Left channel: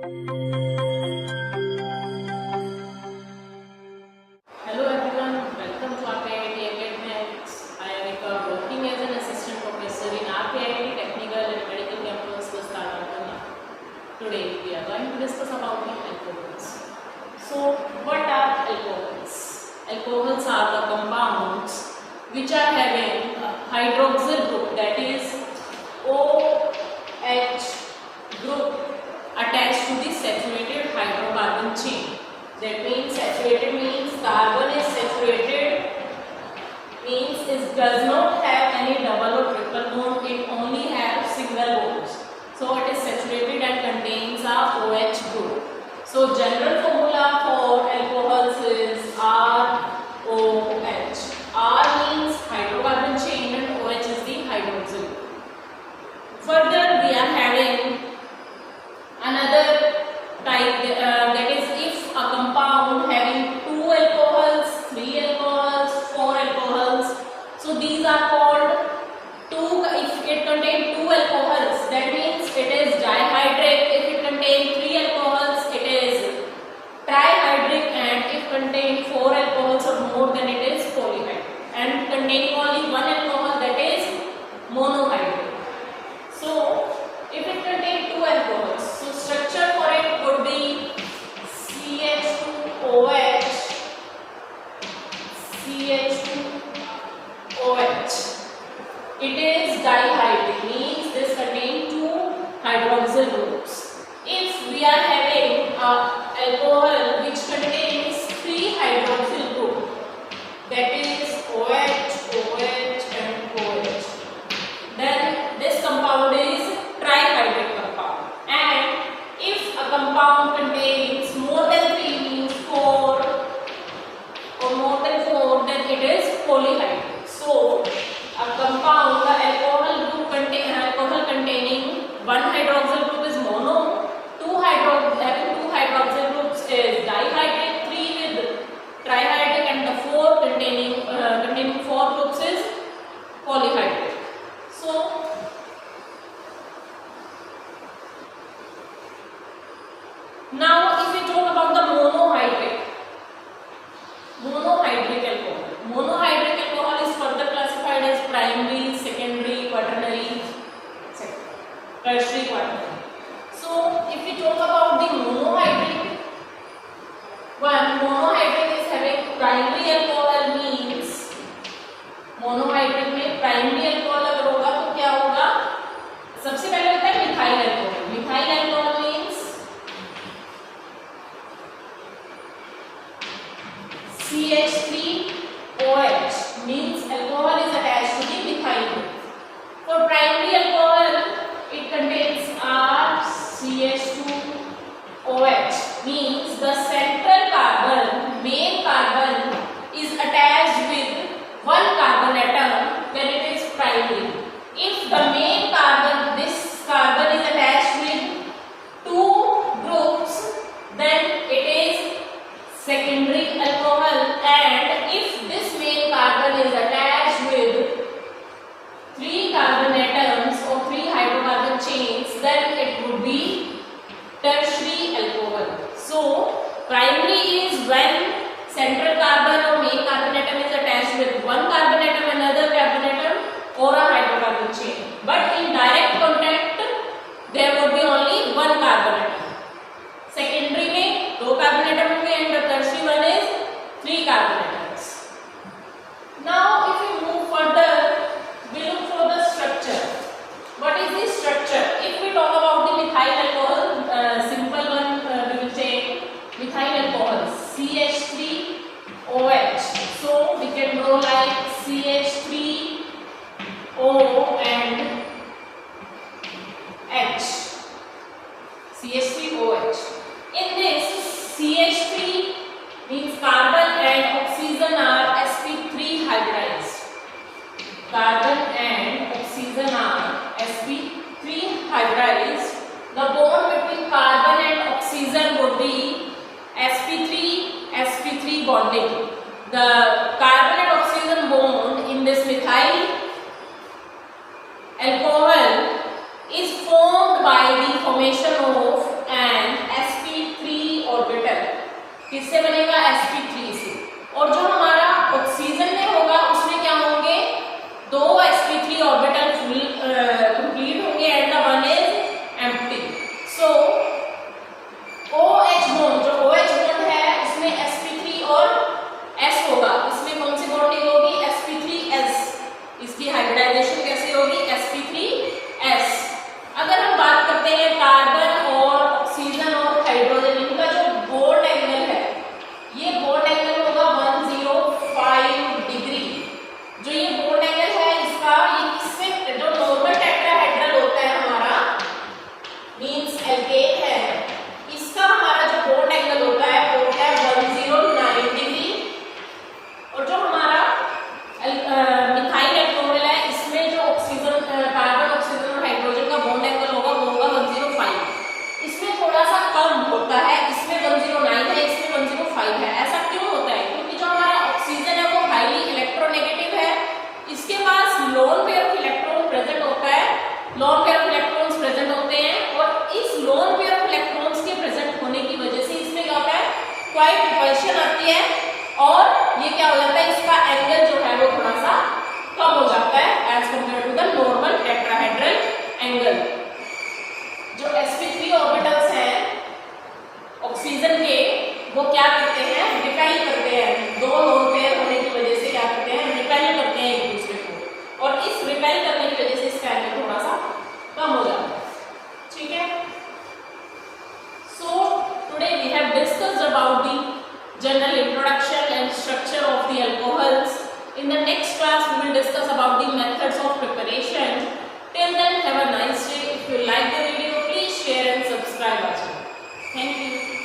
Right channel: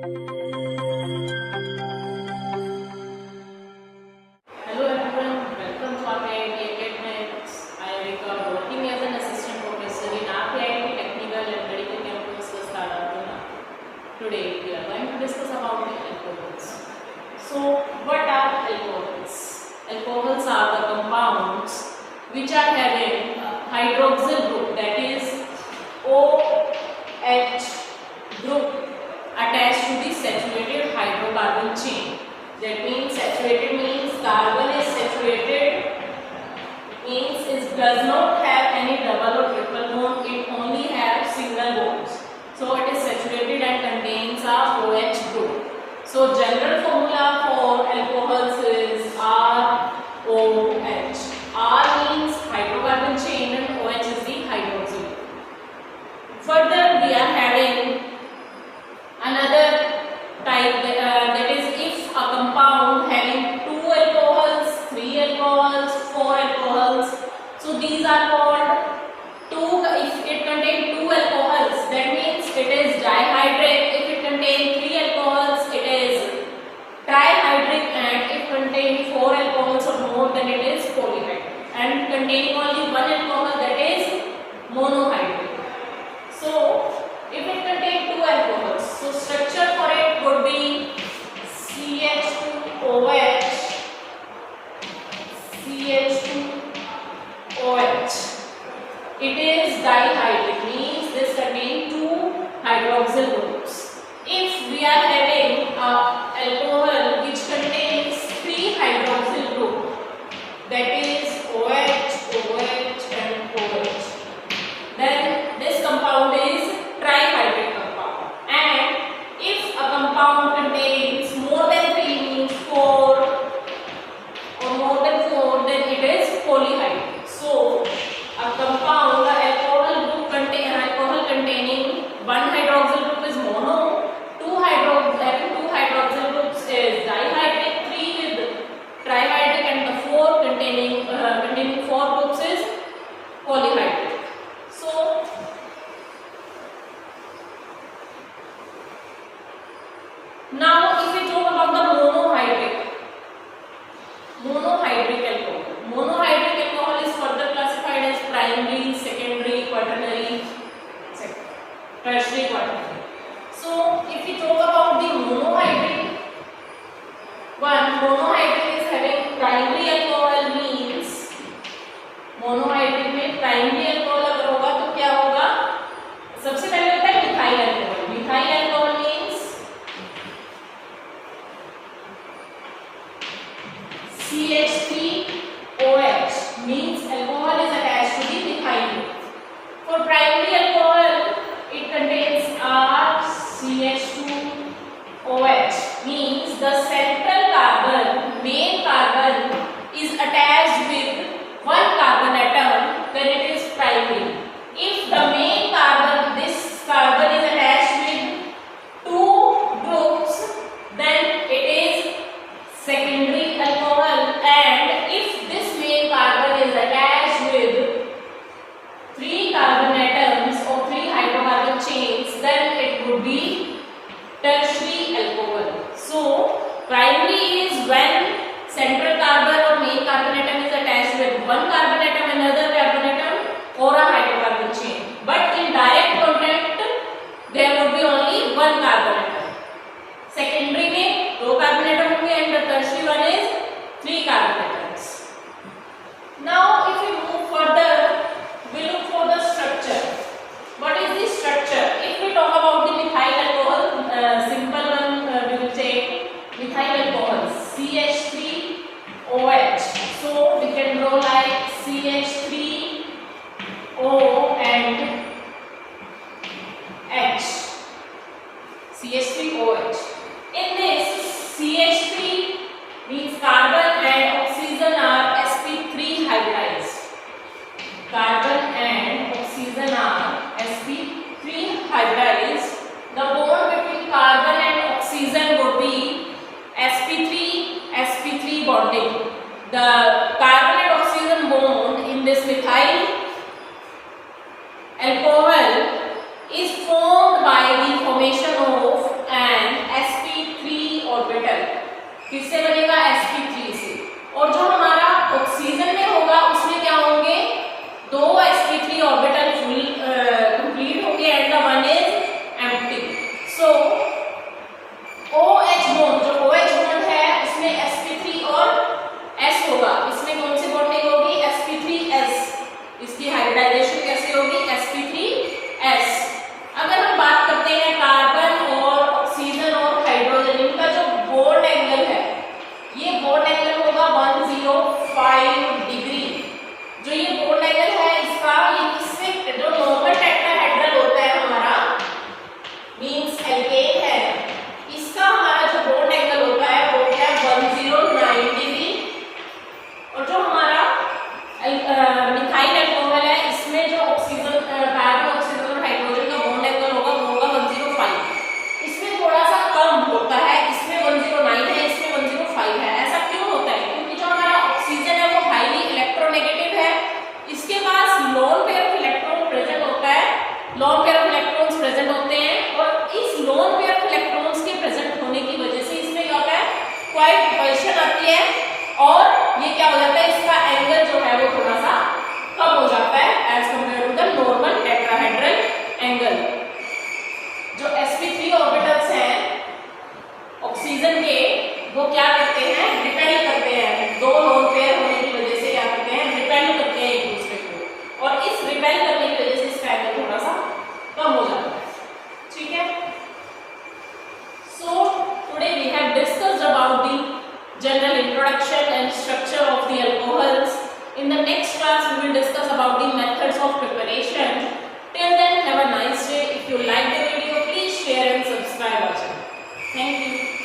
Hello everyone, welcome to RPIIT Academics. I am Vika, working as an assistant professor in RPIIT Technical and Medical Campus, Startup. Today we are going to discuss about the alcohols. So what are alcohols? Alcohols are the compounds which are having a hydroxyl group, that is OH group, attached to the saturated hydrocarbon chain. That means saturated means carbon is saturated, means it does not have any double or triple bond, it only has single bonds. So it is saturated and contains a OH group. So general formula for alcohols is ROH. R means hydrocarbon chain and OH is the hydroxyl group. Further we are having another type, that is if a compound having 2 alcohols, 3 alcohols, 4 alcohols, so these are called if it contains 2 alcohols, that means it is dihydric. If it contains 3 alcohols, it is trihydric, and if contains 4 alcohols or more, then it is polyhydric, and containing only 1 alcohol, that is monohydric. So if it contains 2 alcohols, so structure for it would be CH2OH, CH2OH. It is dihydric, means this contains 2 hydroxyl groups. If we are having alcohol which contains 3 hydroxyl group, that is OH, OH and OH, then this compound is trihydric compound. And if a compound contains more than 3, means 4 or more than 4, then it is polyhydric. So a compound, the alcohol containing 1 hydroxyl group is mono, 2 hydroxyl groups is dihydric, 3 with trihydric, and the 4 containing 4 groups is polyhydric. So now if we talk about the monohydric alcohol. Monohydric alcohol is further classified as primary, secondary, quaternary, tertiary, quaternary. So if we talk about the monohydric one, monohydric is having primary alcohol, means monohydric में primary alcohol अगर होगा तो क्या होगा, सबसे पहले होता है methyl alcohol. Methyl alcohol means CH3OH, means alcohol is attached to the methyl group. For primary alcohol it contains RCH2OH, means the central carbon, main carbon is attached with 1 carbon atom, then it is primary. If the main carbon, this carbon is attached with 2 groups, then it is secondary alcohol. And if this main carbon is attached with 3 carbon atoms or 3 hydrocarbon chains, then it would be tertiary alcohol. So primary is when central carbon or main carbon atom is attached with 1 carbon atom, another carbon atom, or a hydrocarbon chain. But in direct contact there would be only 1 carbon atom. Secondary में 2 carbon atom होंगे, and the tertiary one is 3 carbon atoms. Now if we move further, we look for the structure. What is the structure? If we talk about the methyl alcohol, simple one, we will take methyl alcohol CH3OH. So we can draw like CH3O and H. CH3OH. In this, CH3 means carbon and oxygen are sp3 hybridized. Carbon and oxygen are sp3 hybridized. The bond between carbon and oxygen would be sp3 bonding. The carbon and oxygen bond in this methyl alcohol is formed by the formation of an किससे बनेगा? sp3 से। और जो हमारा oxygen में होगा उसमें क्या होंगे? 2 sp3 ऑर्बिटल फुल कंप्लीट होंगे and the one is empty. So OH bond, जो OH बॉन्ड है उसमें sp3 और S होगा, इसमें कौन सी बॉन्डिंग होगी? sp3s। इसकी हाइब्रिडाइजेशन कैसे होगी? sp3s। अगर हम बात करते हैं कार्बन और ऑक्सीजन और हाइड्रोजन, इनका जो बॉन्ड एंगल है, ये बॉन्ड एंगल होगा 105 डिग्री। जो ये बॉन्ड एंगल है इसका, ये किससे, जो नॉर्मल टेट्राहेड्रल होता है हमारा, मींस एल्केन है, इसका हमारा जो बॉन्ड एंगल होता है वो होता है 109 डिग्री। और जो हमारा मिथाइल एल्कोहल है, इसमें जो ऑक्सीजन, कार्बन, ऑक्सीजन और हाइड्रोजन का बॉन्ड एंगल होगा वो होगा 105। इसमें थोड़ा सा कम होता है, इसमें 109 है, इसमें 105 है। ऐसा क्यों होता है? क्योंकि जो हमारा ऑक्सीजन है वो हाईली इलेक्ट्रोनेगेटिव है, इसके पास lone pair of electron present होता है, lone pair of electrons present होते हैं, और इस लोन पेयर ऑफ इलेक्ट्रॉन्स के प्रेजेंट होने की वजह से इसमें क्या होता है? क्वाइट रिपल्शन आती है, और ये क्या हो जाता है? इसका एंगल जो है वो थोड़ा सा कम हो जाता है as compare to the normal tetrahedral angle. जो sp3 ऑर्बिटल्स हैं ऑक्सीजन के, वो क्या करते हैं? रिपेल करते हैं, 2 लोन पेयर होने की वजह से क्या करते हैं? रिपेल करते हैं एक दूसरे को, और इस रिपेल करने की वजह से इसका एंगल थोड़ा सा कम हो जाता है। ठीक है। So today we have discussed about the general introduction and structure of the alcohols. In the next class we will discuss about the methods of preparation. Till then, have a nice day. If you like the video, please share and subscribe our channel. Thank you.